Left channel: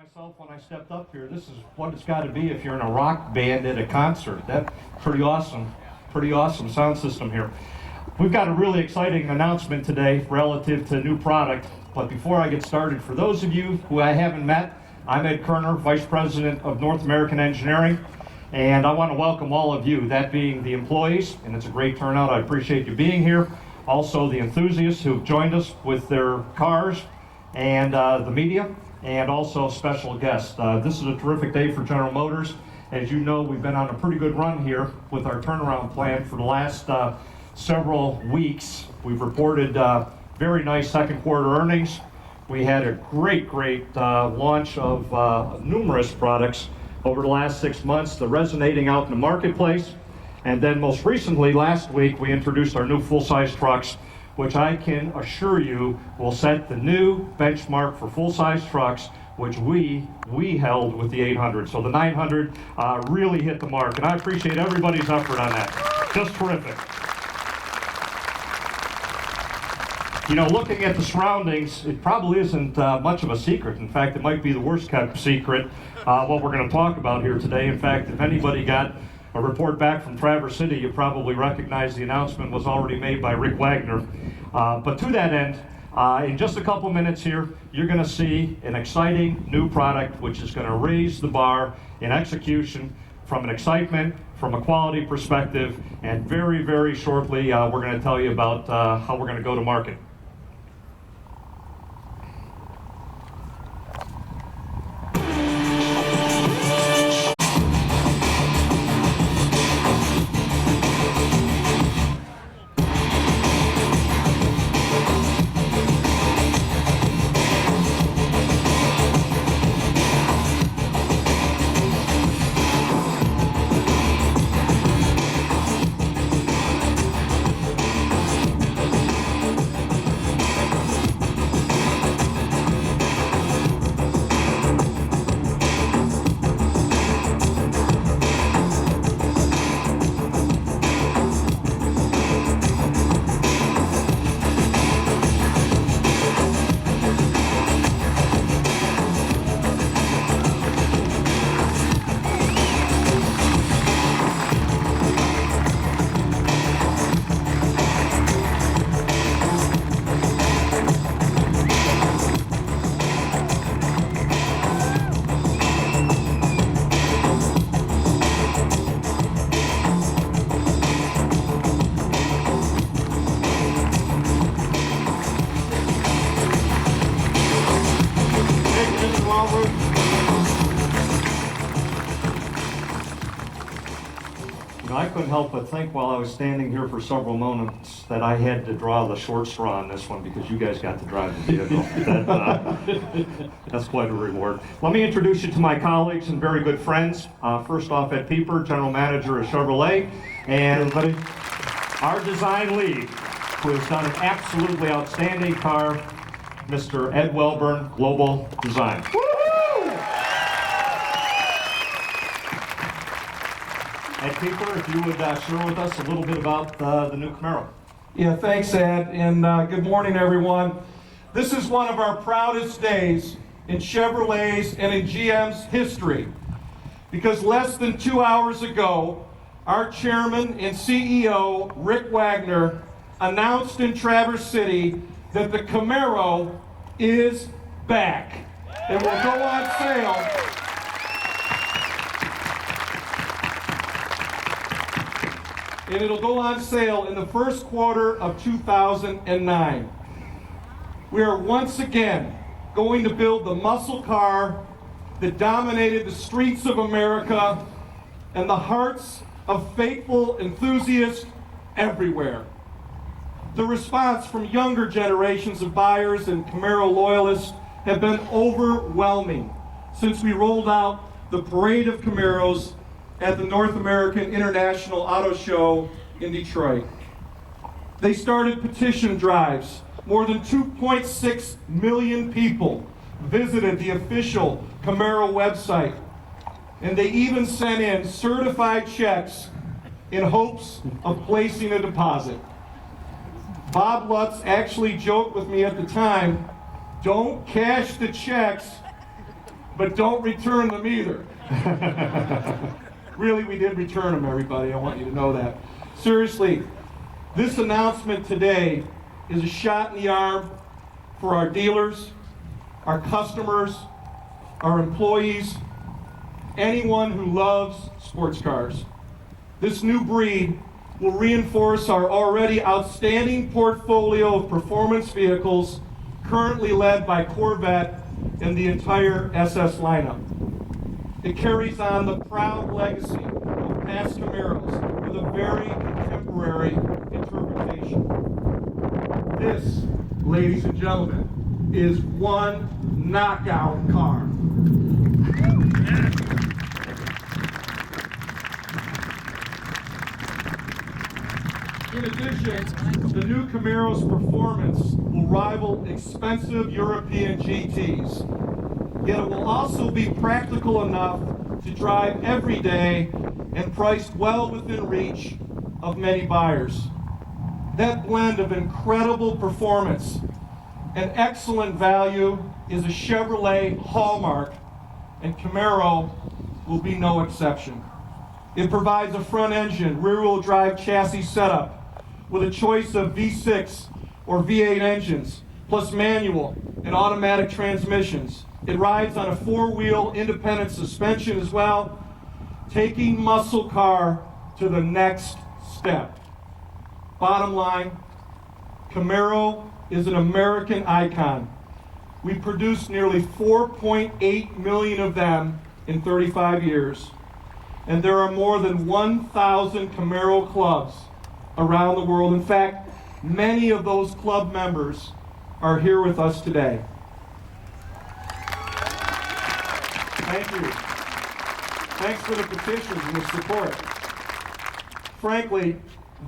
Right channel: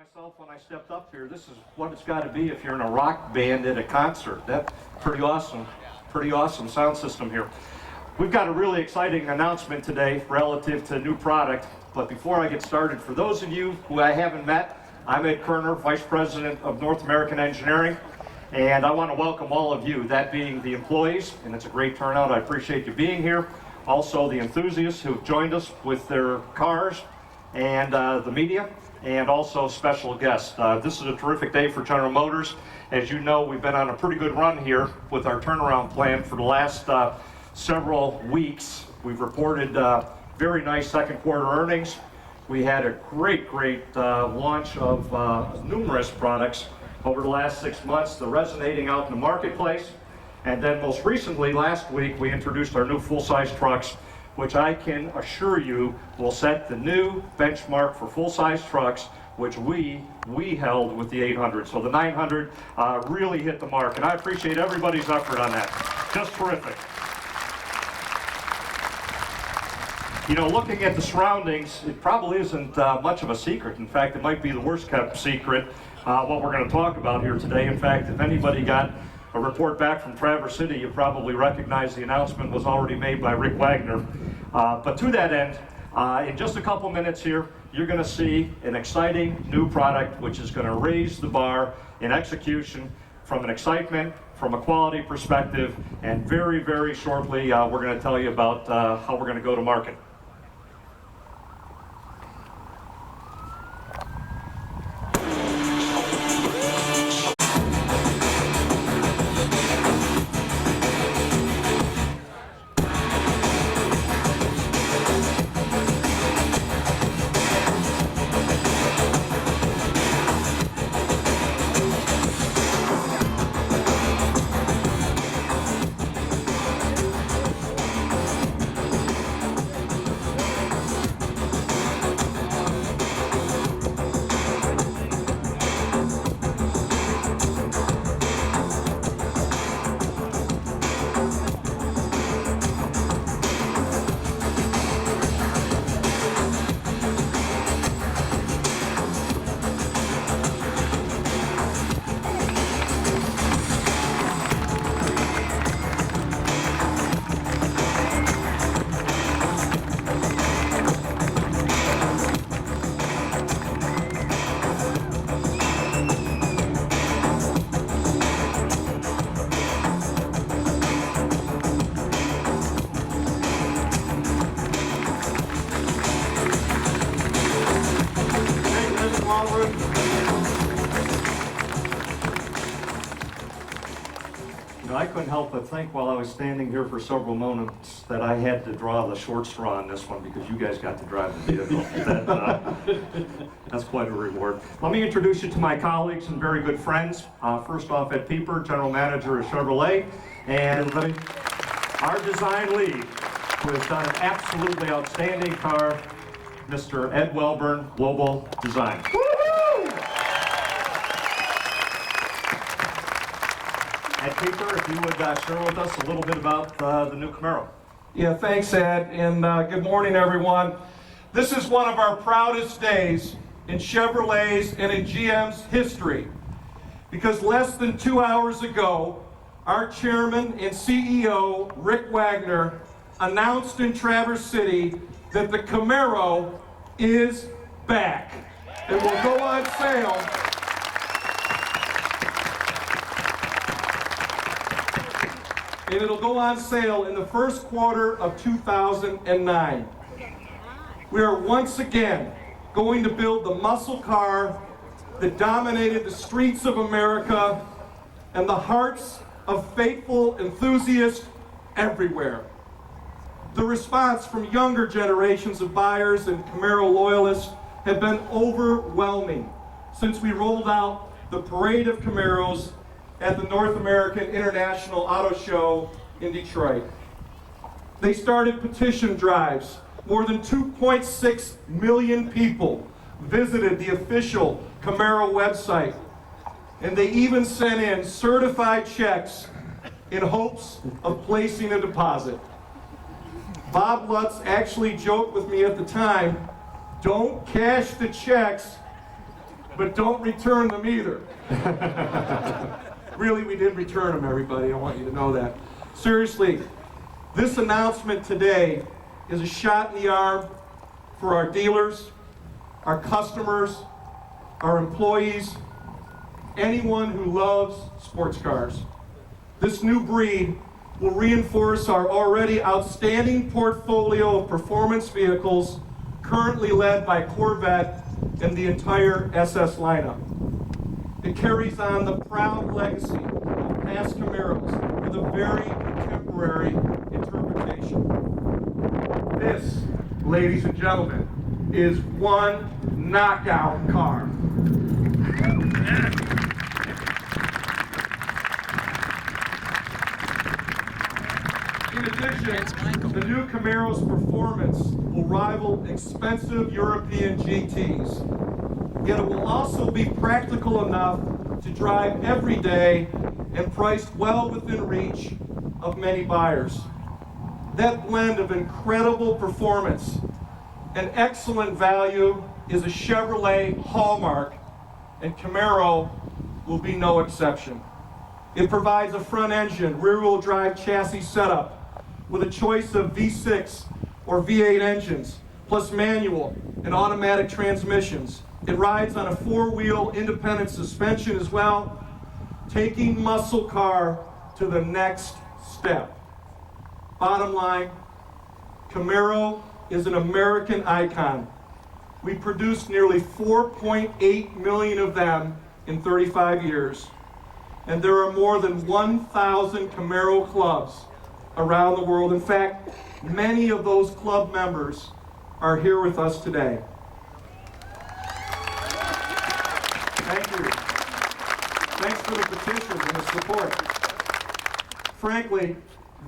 myself when I stepped up here. This is what it's got to be if you're in a rock band at a concert. That's pretty awesome sound system here. We've got a really exciting announcement today relative to new product. But before I get started, for those of you who I haven't met, I'm Ed Kerner, Vice President of North American Engineering, and I want to welcome all of you, that being the employees, and it's a great turnout. I appreciate you being here. Also the enthusiasts who've joined us with their cars, and the media, and also special guests. This is a terrific day for General Motors. As you know, we've been on a pretty good run here with our turnaround plan for the last several weeks. We've reported very nice second quarter earnings. We had a great launch of numerous products over the last 6 months. They're resonating out in the marketplace. And then most recently, last week, we introduced our new full-size trucks, which I can assure you will set the new benchmark for full-size trucks, which we held with the 800. So the 900 really hit the mark, and I appreciate everybody's effort on that. Just terrific. You know, looking at the surroundings, it probably isn't much of a secret. In fact, it might be the worst kept secret, what we're going to talk about here today. In fact, if anybody got a report back from Traverse City, you probably recognize the announcement was already made by Rick Wagner. But to that end, in just a couple minutes here, you're going to see an exciting new product which is going to raise the bar in execution from an excitement, from a quality perspective, and very shortly we're going to tell you about how we're going to go to market. I couldn't help but think while I was standing here for several moments that I had to draw the short straw on this one because you guys got to drive the vehicle. That's quite a reward. Let me introduce you to my colleagues and very good friends. First off, Ed Pieper, General Manager of Chevrolet, and our design lead, who has done an absolutely outstanding car, Mr. Ed Welburn, Global Design. Ed Pieper, if you would share with us a little bit about the new Camaro. Yeah, thanks, Ed, and good morning, everyone. This is one of our proudest days in Chevrolet's and in GM's history, because less than 2 hours ago, our chairman and CEO, Rick Wagner, announced in Traverse City that the Camaro is back. It will go on sale. And it'll go on sale in the first quarter of 2009. We are once again going to build the muscle car that dominated the streets of America and the hearts of faithful enthusiasts everywhere. The response from younger generations of buyers and Camaro loyalists have been overwhelming since we rolled out the parade of Camaros at the North American International Auto Show in Detroit. They started petition drives. More than 2.6 million people visited the official Camaro website, and they even sent in certified checks in hopes of placing a deposit. Bob Lutz actually joked with me at the time, don't cash the checks, but don't return them either. Really, we did return them, everybody. I want you to know that. Seriously, this announcement today is a shot in the arm for our dealers, our customers, our employees, anyone who loves sports cars. This new breed will reinforce our already outstanding portfolio of performance vehicles currently led by Corvette and the entire SS lineup. It carries on the proud legacy of past Camaros with a very contemporary interpretation. This, ladies and gentlemen, is one knockout car. In addition, the new Camaro's performance will rival expensive European GTs, yet it will also be practical enough to drive every day and priced well within reach of many buyers. That blend of incredible performance and excellent value is a Chevrolet hallmark, and Camaro will be no exception. It provides a front-engine, rear-wheel drive chassis setup with a choice of V6 or V8 engines, plus manual and automatic transmissions. It rides on a four-wheel independent suspension as well, taking muscle car to the next step. Bottom line, Camaro is an American icon. We produced nearly 4.8 million of them in 35 years. And there are more than 1,000 Camaro clubs around the world. In fact, many of those club members are here with us today. Thank you. Thanks for the petitions and the support. Frankly,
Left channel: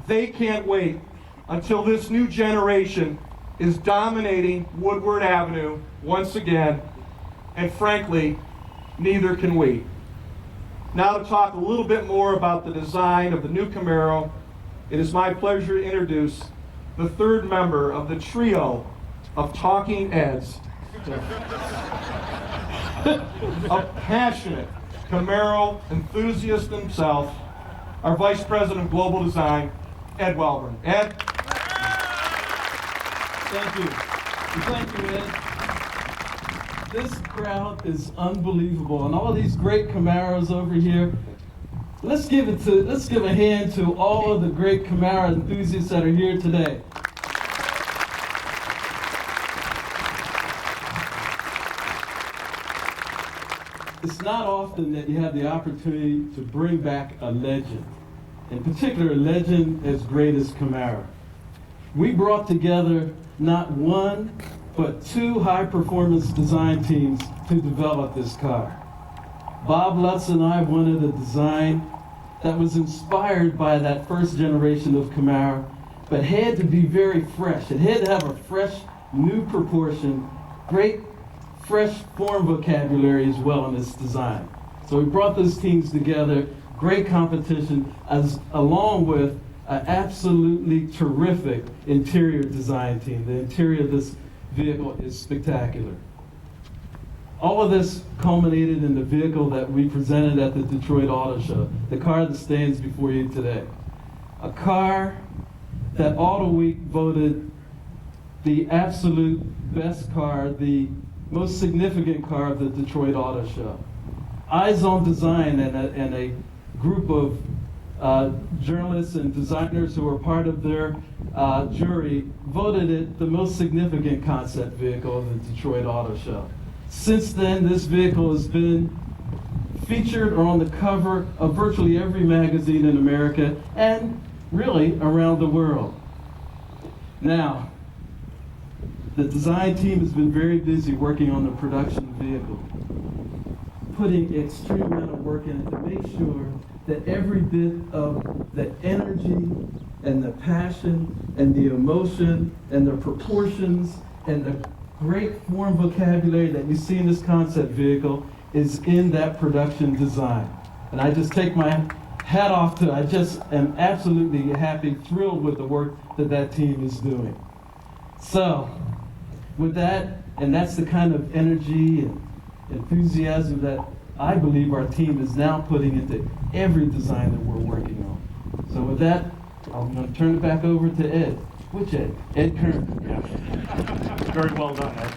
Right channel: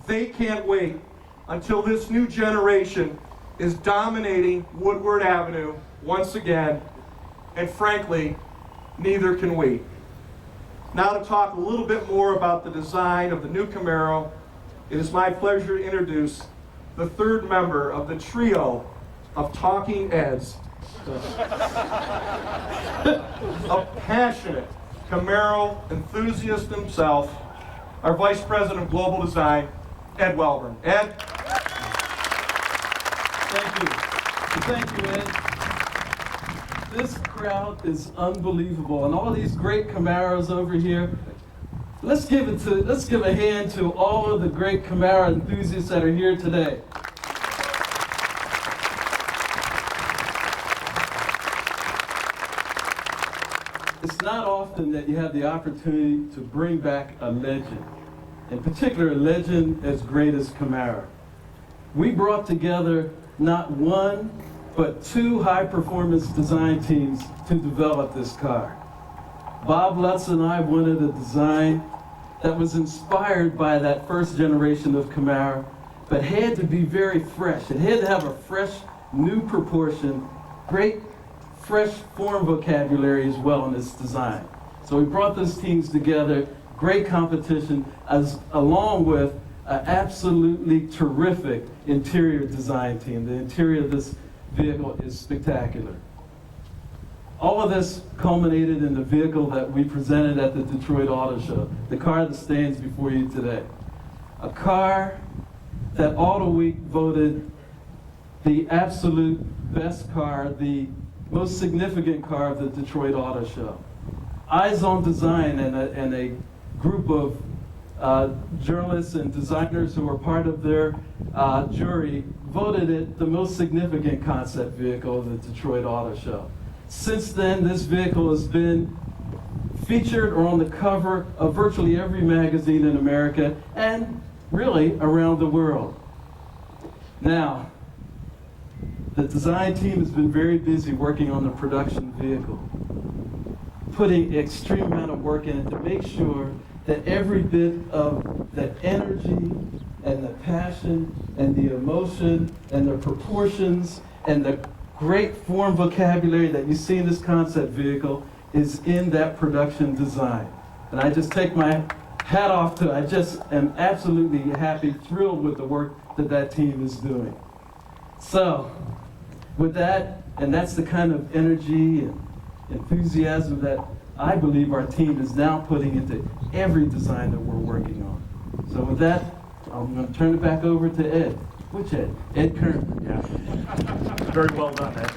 they can't wait until this new generation is dominating Woodward Avenue once again, and frankly, neither can we. Now to talk a little bit more about the design of the new Camaro, it is my pleasure to introduce the third member of the trio of talking heads, a passionate Camaro enthusiast himself, our Vice President of Global Design, Ed Welburn. Ed? Thank you. Thank you, Ed. This crowd is unbelievable, and all these great Camaros over here. Let's give a hand to all of the great Camaro enthusiasts that are here today. It's not often that you have the opportunity to bring back a legend, in particular a legend as great as Camaro. We brought together not one, but two high-performance design teams to develop this car. Bob Lutz and I wanted a design that was inspired by that first generation of Camaro, but had to be very fresh. It had to have a fresh, new proportion, great, fresh form vocabulary as well in its design. So we brought those teams together, great competition, along with an absolutely terrific interior design team. The interior of this vehicle is spectacular. All of this culminated in the vehicle that we presented at the Detroit Auto Show, the car that stands before you today. A car that Auto Week voted the absolute best car, the most significant car of the Detroit Auto Show. Eyes on Design and a group of journalists and designers who were part of their jury voted it the most significant concept vehicle of the Detroit Auto Show. Since then, this vehicle has been featured or on the cover of virtually every magazine in America and really around the world. Now, the design team has been very busy working on the production vehicle, putting extreme amount of work in it to make sure that every bit of the energy and the passion and the emotion and the proportions and the great form vocabulary that you see in this concept vehicle is in that production design. And I just take my hat off to, I just am absolutely happy, thrilled with the work that that team is doing. So, with that, and that's the kind of energy and enthusiasm that I believe our team is now putting into every design that we're working on. So with that, I'm going to turn it back over to Ed. Which Ed? Ed Kern. Yeah. Very well done, Ed.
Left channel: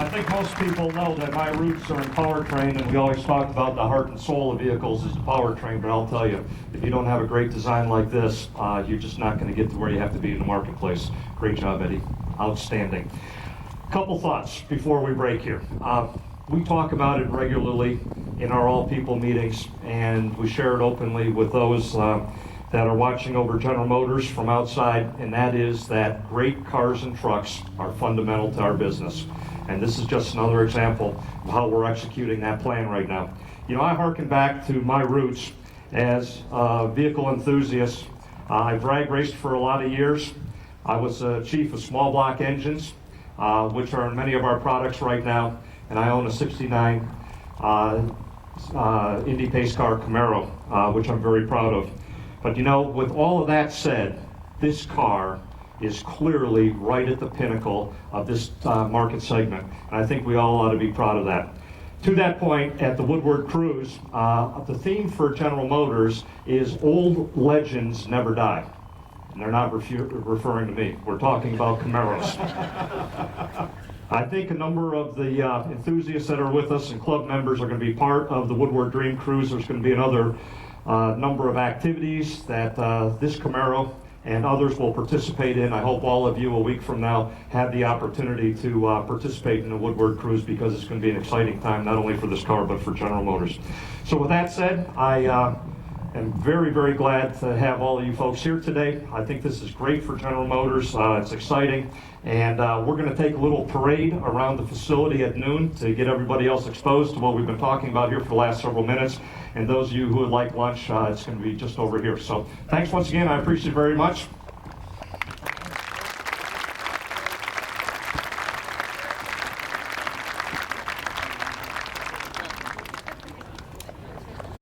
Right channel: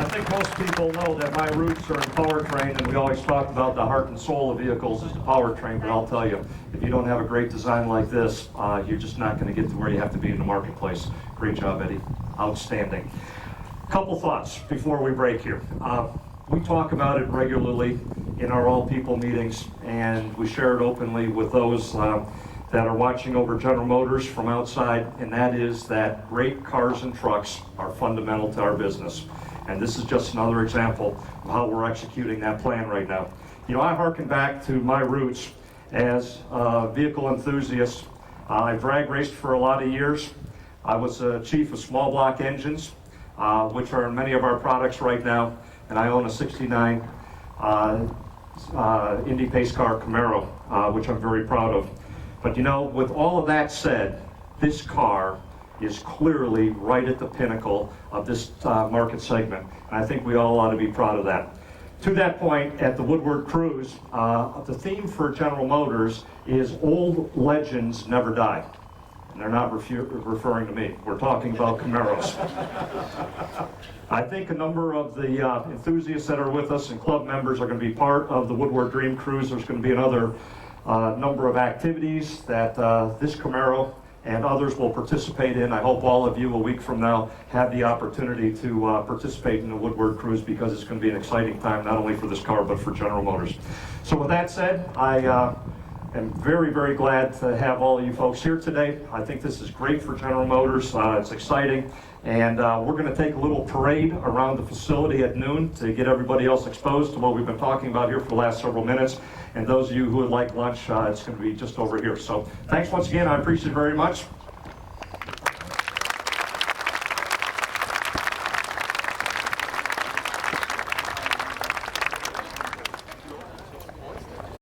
I think most people know that my roots are in powertrain, and we always talk about the heart and soul of vehicles is the powertrain, but I'll tell you, if you don't have a great design like this, you're just not going to get to where you have to be in the marketplace. Great job, Eddie. Outstanding. Couple thoughts before we break here. We talk about it regularly in our all-people meetings, and we share it openly with those that are watching over General Motors from outside, and that is that great cars and trucks are fundamental to our business. And this is just another example of how we're executing that plan right now. You know, I harken back to my roots as a vehicle enthusiast. I drag raced for a lot of years. I was chief of small block engines, which are in many of our products right now, and I own a 69 Indy Pace car Camaro, which I'm very proud of. But you know, with all of that said, this car is clearly right at the pinnacle of this market segment, and I think we all ought to be proud of that. To that point, at the Woodward Cruise, the theme for General Motors is old legends never die. And they're not referring to me. We're talking about Camaros. I think a number of the enthusiasts that are with us and club members are going to be part of the Woodward Dream Cruise. There's going to be another number of activities that this Camaro and others will participate in. I hope all of you a week from now have the opportunity to participate in the Woodward Cruise, because it's going to be an exciting time not only for this car but for General Motors. So with that said, I am very, very glad to have all of you folks here today. I think this is great for General Motors. It's exciting. And we're going to take a little parade around the facility at noon to get everybody else exposed to what we've been talking about here for the last several minutes. And those of you who would like lunch, it's going to be just over here. So thanks once again. I appreciate it very much.